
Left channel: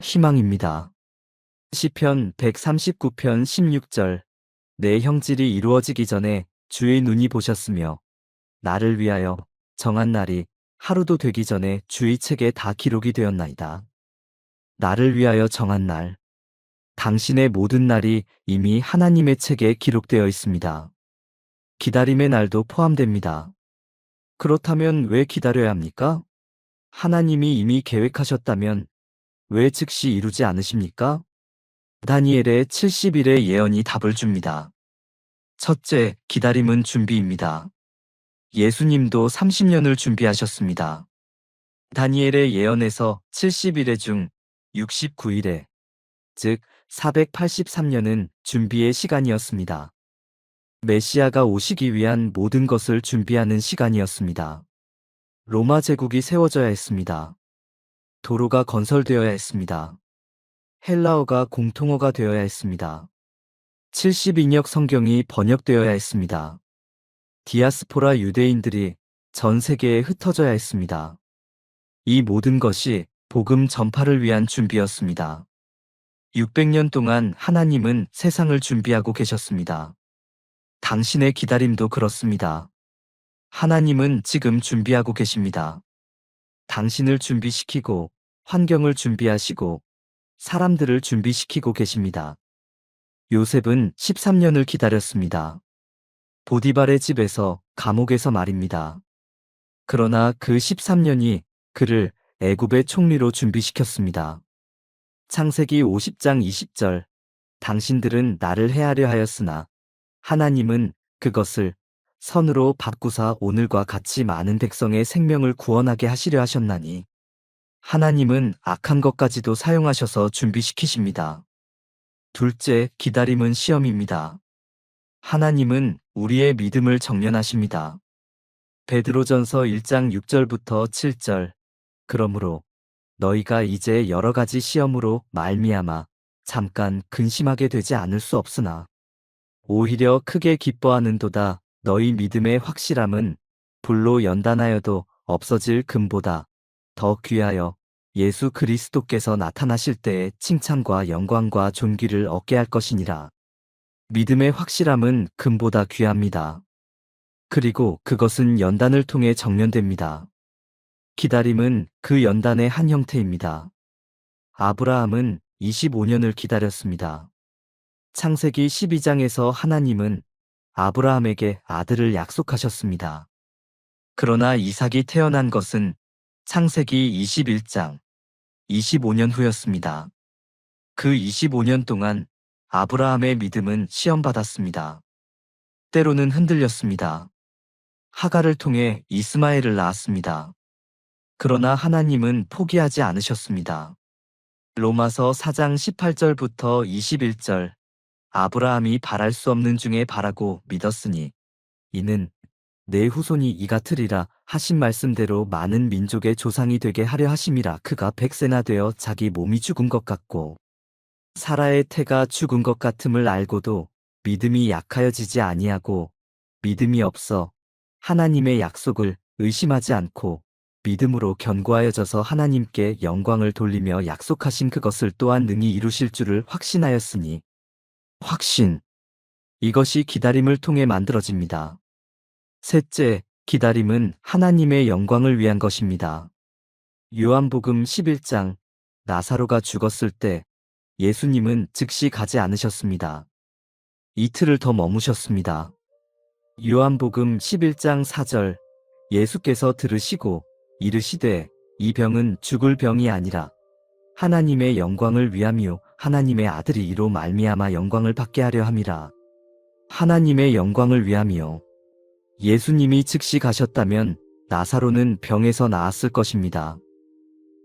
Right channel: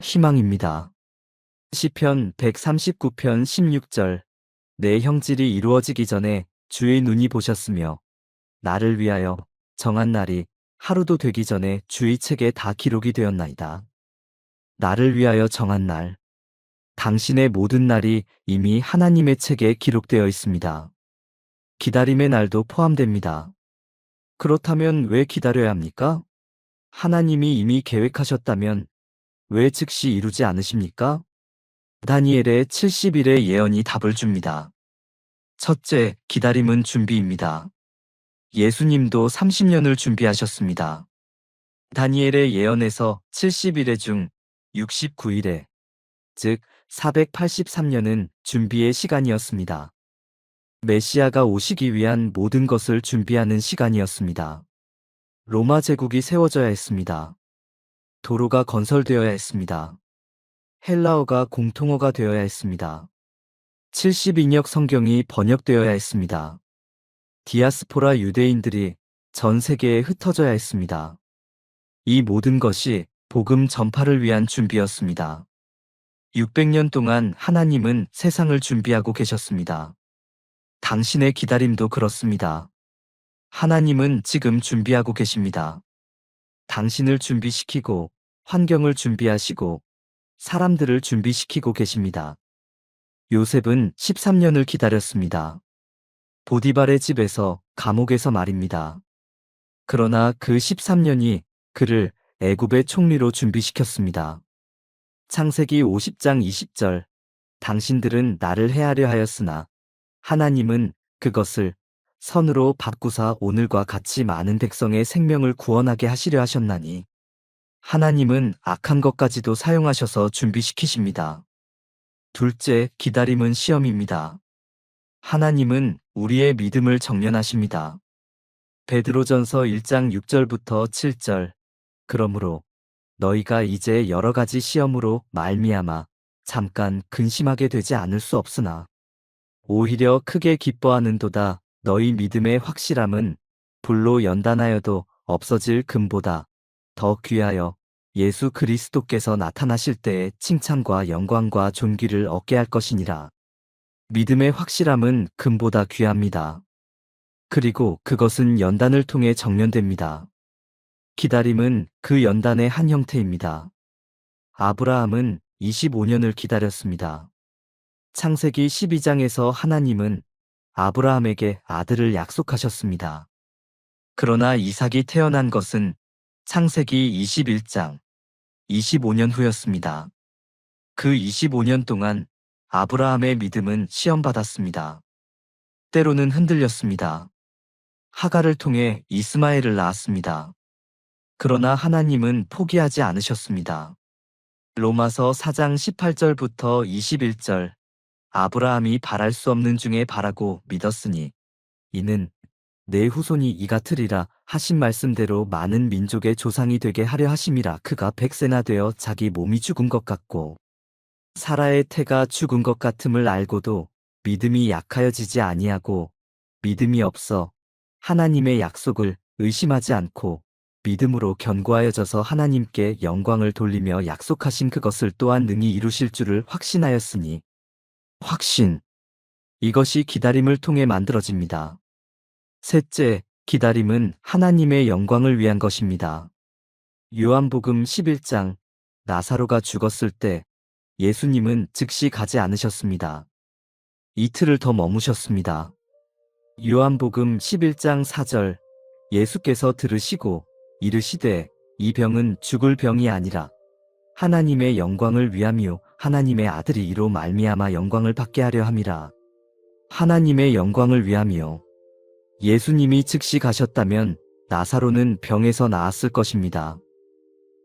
희망입니다. 시편 139편 16절 내 형질이 이루어지기 전에 주의 눈이 보셨으며 나를 위하여 정한 날이 하루도 되기 전에 주의 책에 다 기록이 되었나이다. 나를 위하여 정한 날 당신의 모든 날이 이미 하나님의 책에 기록되어 있습니다. 기다림의 날도 포함됩니다. 그렇다면 왜 기다려야 합니까? 하나님이 이미 계획하셨다면 왜 즉시 이루지 않으십니까? 다니엘의 70일의 예언이 답을 줍니다. 첫째, 기다림은 준비입니다. 예수님도 30년을 준비하셨습니다. 다니엘의 예언에서 70일의 중 69일에, 즉 483년은 준비의 시간이었습니다. 메시아가 오시기 위한 모든 것을 준비하는 시간이었습니다. 로마 제국이 세워져야 했습니다. 도로가 건설되어야 했습니다. 헬라어가 공통어가 되어야 했습니다. 70인역 성경이 번역되어야 했습니다. 디아스포라 유대인들이 전 세계에 흩어져야 했습니다. 이 모든 것이 복음 전파를 위한 준비였습니다. 600년 동안 하나님은 세상을 준비하고 계셨습니다. 당신의 기다림도 그렇습니다. 하나님은 지금 준비하고 계십니다. 당신을 준비시키고 환경을 준비하시고 사람들을 준비시키고 계십니다. 요셉은 13년을 기다렸습니다. 보디발의 집에서 감옥에서 말입니다. 그러나 그 13년이 그를 애굽의 총리로 준비시켰습니다. 창세기 50장 20절. 당신들은 나를 해하려 하였으나 하나님은 그것을 선으로 바꾸사 오늘과 같이 많은 백성의 생명을 구원하게 하시려 하셨나니. 하나님은 악한 것까지도 사용하셔서 준비시키십니다. 둘째, 기다림은 시험입니다. 하나님은 우리의 믿음을 정련하십니다. 베드로전서 1장 6절부터 7절. 그러므로 너희가 이제 여러 가지 시험으로 말미암아 잠깐 근심하게 되지 않을 수 없으나 오히려 크게 기뻐하는도다. 너희 믿음의 확실함은 불로 연단하여도 없어질 금보다 더 귀하여 예수 그리스도께서 나타나실 때에 칭찬과 영광과 존귀를 얻게 할 것이니라. 믿음의 확실함은 금보다 귀합니다. 그리고 그것은 연단을 통해 정련됩니다. 기다림은 그 연단의 한 형태입니다. 아브라함은 25년을 기다렸습니다. 창세기 12장에서 하나님은 아브라함에게 아들을 약속하셨습니다. 그러나 이삭이 태어난 것은 창세기 21장 25년 후였습니다. 그 25년 동안 아브라함의 믿음은 시험받았습니다. 때로는 흔들렸습니다. 하갈을 통해 이스마엘을 낳았습니다. 그러나 하나님은 포기하지 않으셨습니다. 로마서 4장 18절부터 21절. 아브라함이 바랄 수 없는 중에 바라고 믿었으니 이는 내 후손이 이 같으리라 하신 말씀대로 많은 민족의 조상이 되게 하려 하심이라. 그가 100세나 되어 자기 몸이 죽은 것 같고 사라의 태가 죽은 것 같음을 알고도 믿음이 약하여지지 아니하고 믿음이 없어 하나님의 약속을 의심하지 않고 믿음으로 견고하여져서 하나님께 영광을 돌리며 약속하신 그것을 또한 능히 이루실 줄을 확신하였으니. 확신. 이것이 기다림을 통해 만들어집니다. 셋째, 기다림은 하나님의 영광을 위한 것입니다. 요한복음 11장. 나사로가 죽었을 때 예수님은 즉시 가지 않으셨습니다. 이틀을 더 머무셨습니다. 요한복음 11장 4절. 예수께서 들으시고 이르시되 이 병은 죽을 병이 아니라 하나님의 영광을 위함이요 하나님의 아들이 이로 말미암아 영광을 받게 하려 함이라. 하나님의 영광을 위함이요. 예수님이 즉시 가셨다면 나사로는 병에서 나았을 것입니다.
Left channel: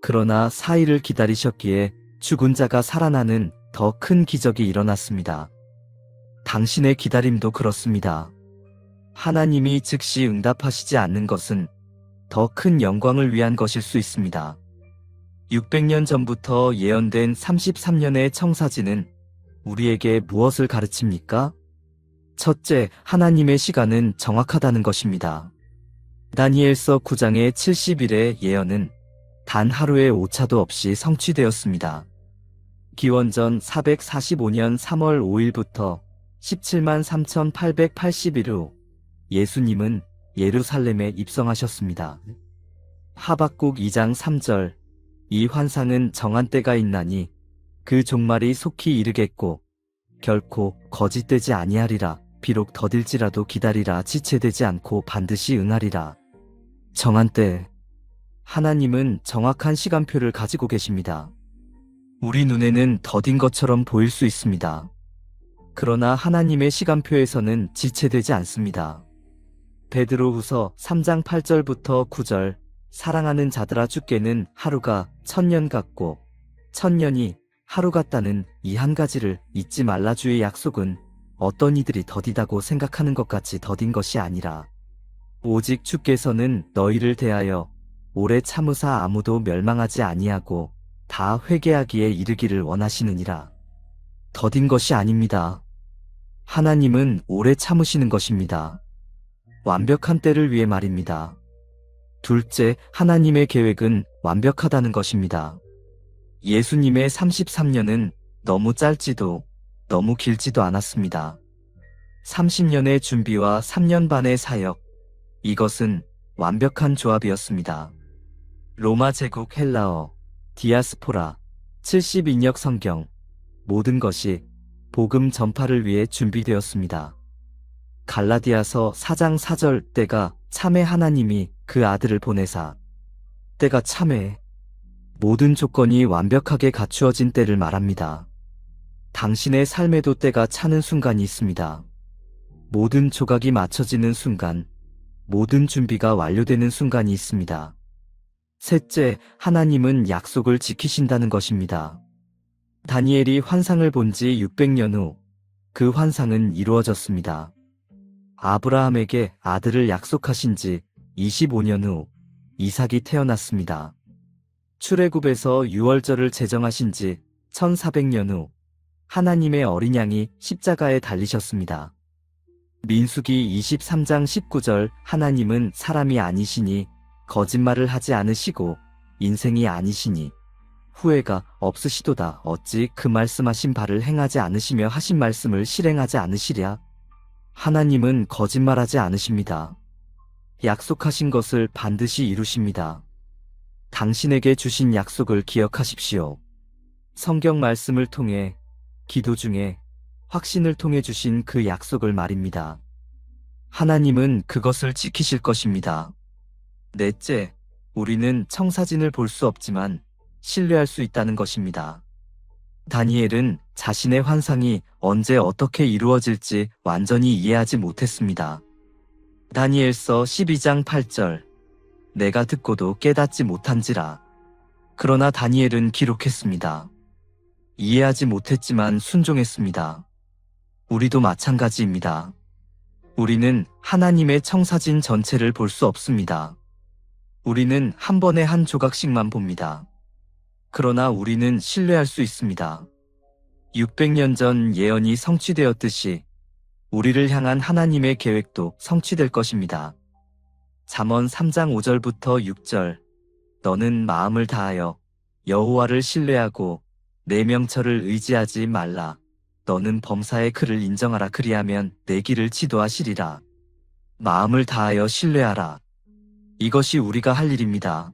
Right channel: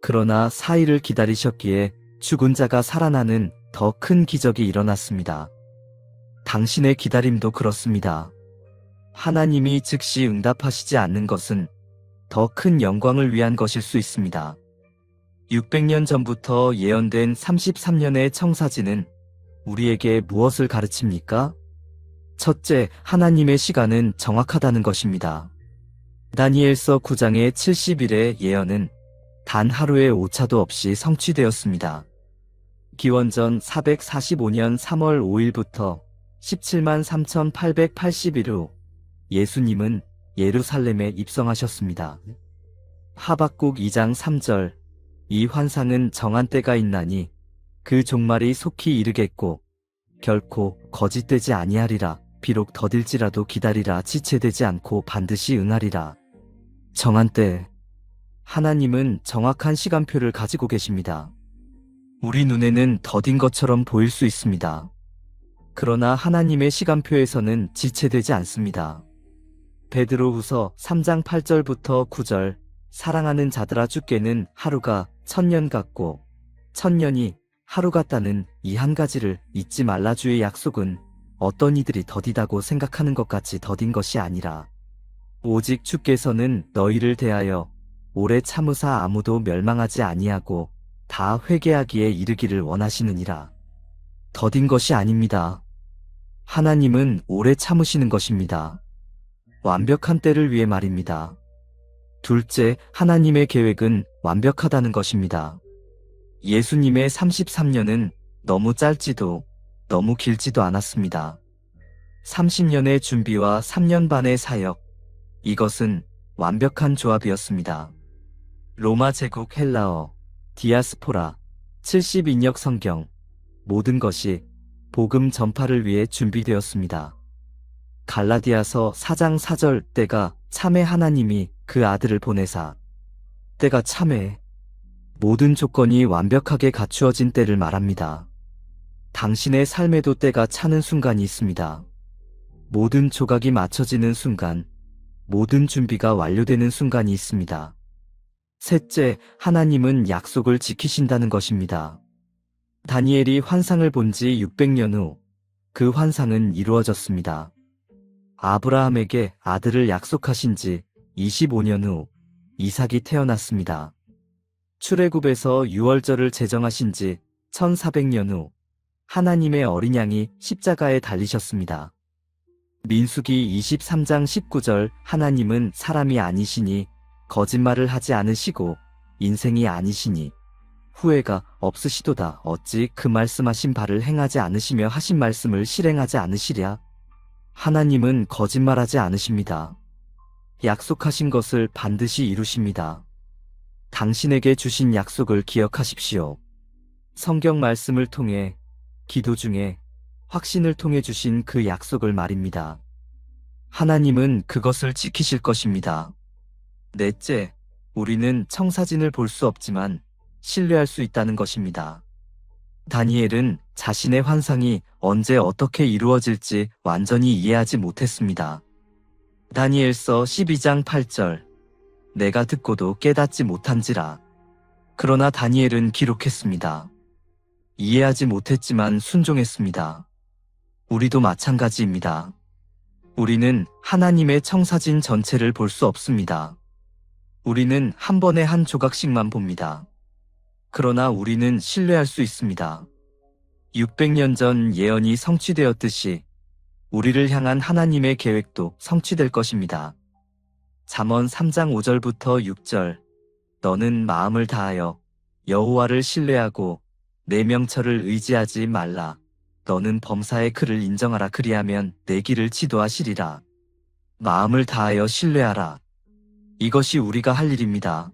그러나 4일을 기다리셨기에 죽은 자가 살아나는 더 큰 기적이 일어났습니다. 당신의 기다림도 그렇습니다. 하나님이 즉시 응답하시지 않는 것은 더 큰 영광을 위한 것일 수 있습니다. 600년 전부터 예언된 33년의 청사진은 우리에게 무엇을 가르칩니까? 첫째, 하나님의 시간은 정확하다는 것입니다. 다니엘서 9장의 70일의 예언은 단 하루의 오차도 없이 성취되었습니다. 기원전 445년 3월 5일부터 17만 3,880일 후 예수님은 예루살렘에 입성하셨습니다. 하박국 2장 3절. 이 환상은 정한 때가 있나니 그 종말이 속히 이르겠고 결코 거짓되지 아니하리라. 비록 더딜지라도 기다리라. 지체되지 않고 반드시 응하리라. 정한 때. 하나님은 정확한 시간표를 가지고 계십니다. 우리 눈에는 더딘 것처럼 보일 수 있습니다. 그러나 하나님의 시간표에서는 지체되지 않습니다. 베드로후서 3장 8절부터 9절. 사랑하는 자들아 주께는 하루가 1000년 같고 1000년이 하루 같다는 이 한 가지를 잊지 말라. 주의 약속은 어떤 이들이 더디다고 생각하는 것 같이 더딘 것이 아니라 오직 주께서는 너희를 대하여 오래 참으사 아무도 멸망하지 아니하고 다 회개하기에 이르기를 원하시느니라. 더딘 것이 아닙니다. 하나님은 오래 참으시는 것입니다. 완벽한 때를 위해 말입니다. 둘째, 하나님의 계획은 완벽하다는 것입니다. 예수님의 33년은 너무 짧지도 너무 길지도 않았습니다. 30년의 준비와 3년 반의 사역, 이것은 완벽한 조합이었습니다. 로마 제국 헬라어, 디아스포라, 72역 성경, 모든 것이 복음 전파를 위해 준비되었습니다. 갈라디아서 4장 4절. 때가 참에 하나님이 그 아들을 보내사. 때가 참에. 모든 조건이 완벽하게 갖추어진 때를 말합니다. 당신의 삶에도 때가 차는 순간이 있습니다. 모든 조각이 맞춰지는 순간, 모든 준비가 완료되는 순간이 있습니다. 셋째, 하나님은 약속을 지키신다는 것입니다. 다니엘이 환상을 본 지 600년 후, 그 환상은 이루어졌습니다. 아브라함에게 아들을 약속하신 지 25년 후, 이삭이 태어났습니다. 출애굽에서 유월절을 제정하신 지 1400년 후, 하나님의 어린 양이 십자가에 달리셨습니다. 민수기 23장 19절, 하나님은 사람이 아니시니 거짓말을 하지 않으시고 인생이 아니시니 후회가 없으시도다. 어찌 그 말씀하신 바를 행하지 않으시며 하신 말씀을 실행하지 않으시랴? 하나님은 거짓말하지 않으십니다. 약속하신 것을 반드시 이루십니다. 당신에게 주신 약속을 기억하십시오. 성경 말씀을 통해, 기도 중에 확신을 통해 주신 그 약속을 말입니다. 하나님은 그것을 지키실 것입니다. 넷째, 우리는 청사진을 볼 수 없지만 신뢰할 수 있다는 것입니다. 다니엘은 자신의 환상이 언제 어떻게 이루어질지 완전히 이해하지 못했습니다. 다니엘서 12장 8절, 내가 듣고도 깨닫지 못한지라. 그러나 다니엘은 기록했습니다. 이해하지 못했지만 순종했습니다. 우리도 마찬가지입니다. 우리는 하나님의 청사진 전체를 볼 수 없습니다. 우리는 한 번에 한 조각씩만 봅니다. 그러나 우리는 신뢰할 수 있습니다. 600년 전 예언이 성취되었듯이 우리를 향한 하나님의 계획도 성취될 것입니다. 잠언 3장 5절부터 6절, 너는 마음을 다하여 여호와를 신뢰하고 내 명철을 의지하지 말라. 너는 범사의 그를 인정하라. 그리하면 내 길을 지도하시리라. 마음을 다하여 신뢰하라. 이것이 우리가 할 일입니다.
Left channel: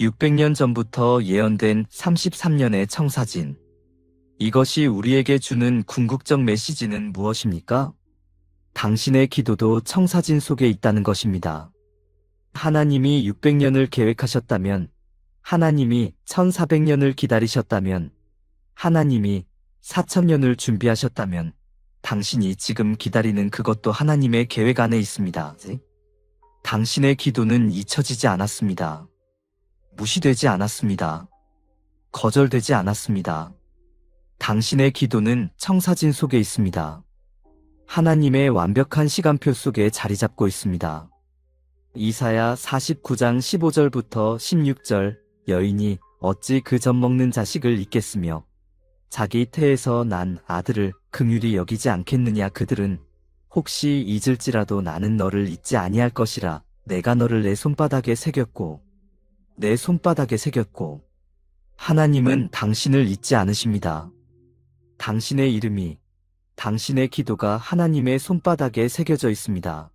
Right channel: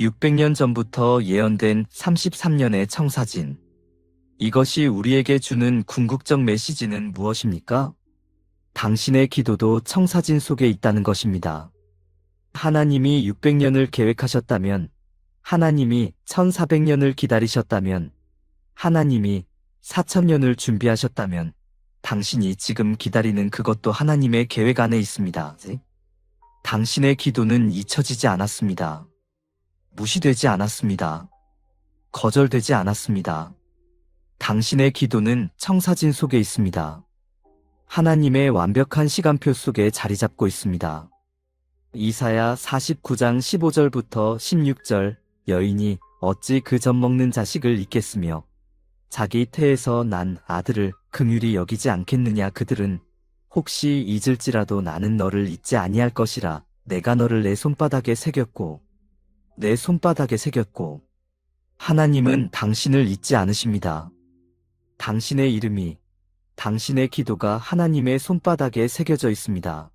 600년 전부터 예언된 33년의 청사진. 이것이 우리에게 주는 궁극적 메시지는 무엇입니까? 당신의 기도도 청사진 속에 있다는 것입니다. 하나님이 600년을 계획하셨다면, 하나님이 1400년을 기다리셨다면, 하나님이 4000년을 준비하셨다면, 당신이 지금 기다리는 그것도 하나님의 계획 안에 있습니다. 당신의 기도는 잊혀지지 않았습니다. 무시되지 않았습니다. 거절되지 않았습니다. 당신의 기도는 청사진 속에 있습니다. 하나님의 완벽한 시간표 속에 자리 잡고 있습니다. 이사야 49장 15절부터 16절, 여인이 어찌 그 젖 먹는 자식을 잊겠으며 자기 태에서 난 아들을 긍휼히 여기지 않겠느냐. 그들은 혹시 잊을지라도 나는 너를 잊지 아니할 것이라. 내가 너를 내 손바닥에 새겼고 내 손바닥에 새겼고. 하나님은 당신을 잊지 않으십니다. 당신의 이름이, 당신의 기도가 하나님의 손바닥에 새겨져 있습니다.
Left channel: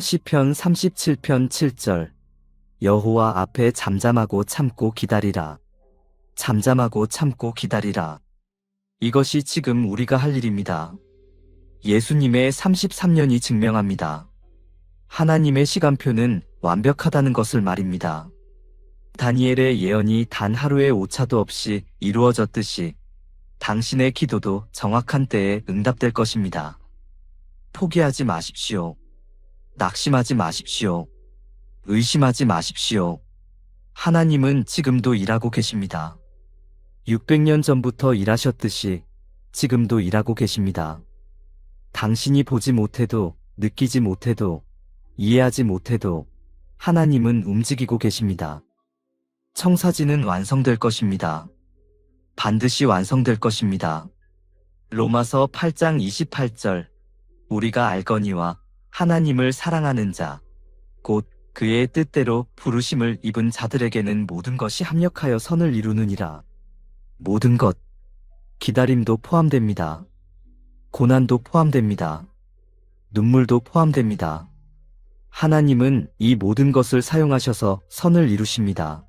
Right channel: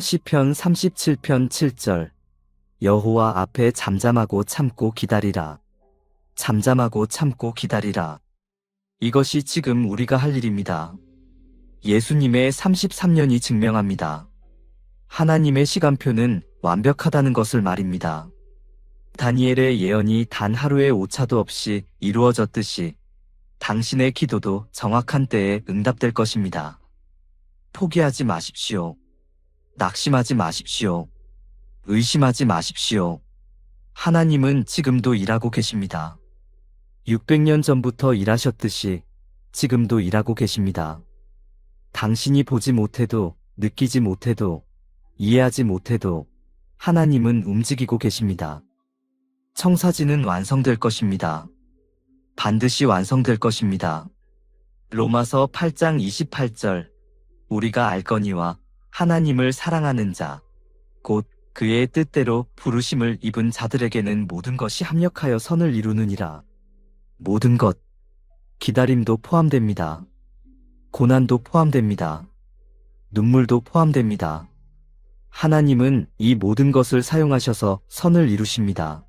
시편 37편 7절, 여호와 앞에 잠잠하고 참고 기다리라. 잠잠하고 참고 기다리라. 이것이 지금 우리가 할 일입니다. 예수님의 33년이 증명합니다. 하나님의 시간표는 완벽하다는 것을 말입니다. 다니엘의 예언이 단 하루의 오차도 없이 이루어졌듯이 당신의 기도도 정확한 때에 응답될 것입니다. 포기하지 마십시오. 낙심하지 마십시오. 의심하지 마십시오. 하나님은 지금도 일하고 계십니다. 600년 전부터 일하셨듯이 지금도 일하고 계십니다. 당신이 보지 못해도, 느끼지 못해도, 이해하지 못해도 하나님은 움직이고 계십니다. 청사진은 완성될 것입니다. 반드시 완성될 것입니다. 로마서 8장 28절, 우리가 알거니와 하나님을 사랑하는 자, 곧 그의 뜻대로 부르심을 입은 자들에게는 모든 것이 합력하여 선을 이루느니라. 모든 것, 기다림도 포함됩니다. 고난도 포함됩니다. 눈물도 포함됩니다. 하나님은 이 모든 것을 사용하셔서 선을 이루십니다.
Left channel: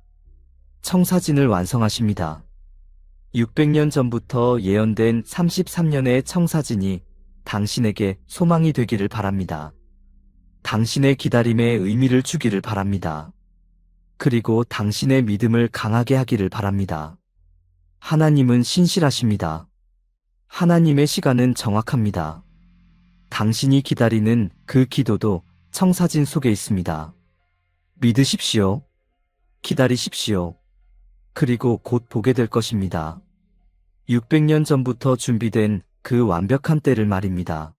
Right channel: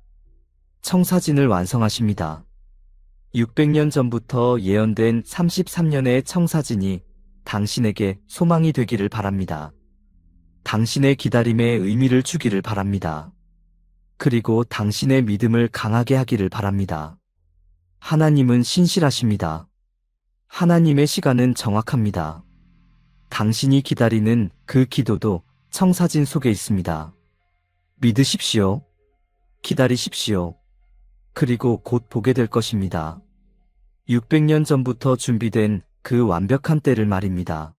청사진을 완성하십니다. 600년 전부터 예언된 33년의 청사진이 당신에게 소망이 되기를 바랍니다. 당신의 기다림에 의미를 주기를 바랍니다. 그리고 당신의 믿음을 강하게 하기를 바랍니다. 하나님은 신실하십니다. 하나님의 시간은 정확합니다. 당신이 기다리는 그 기도도 청사진 속에 있습니다. 믿으십시오. 기다리십시오. 그리고 곧 보게 될 것입니다. 600년 전부터 준비된 그 완벽한 때를 말입니다.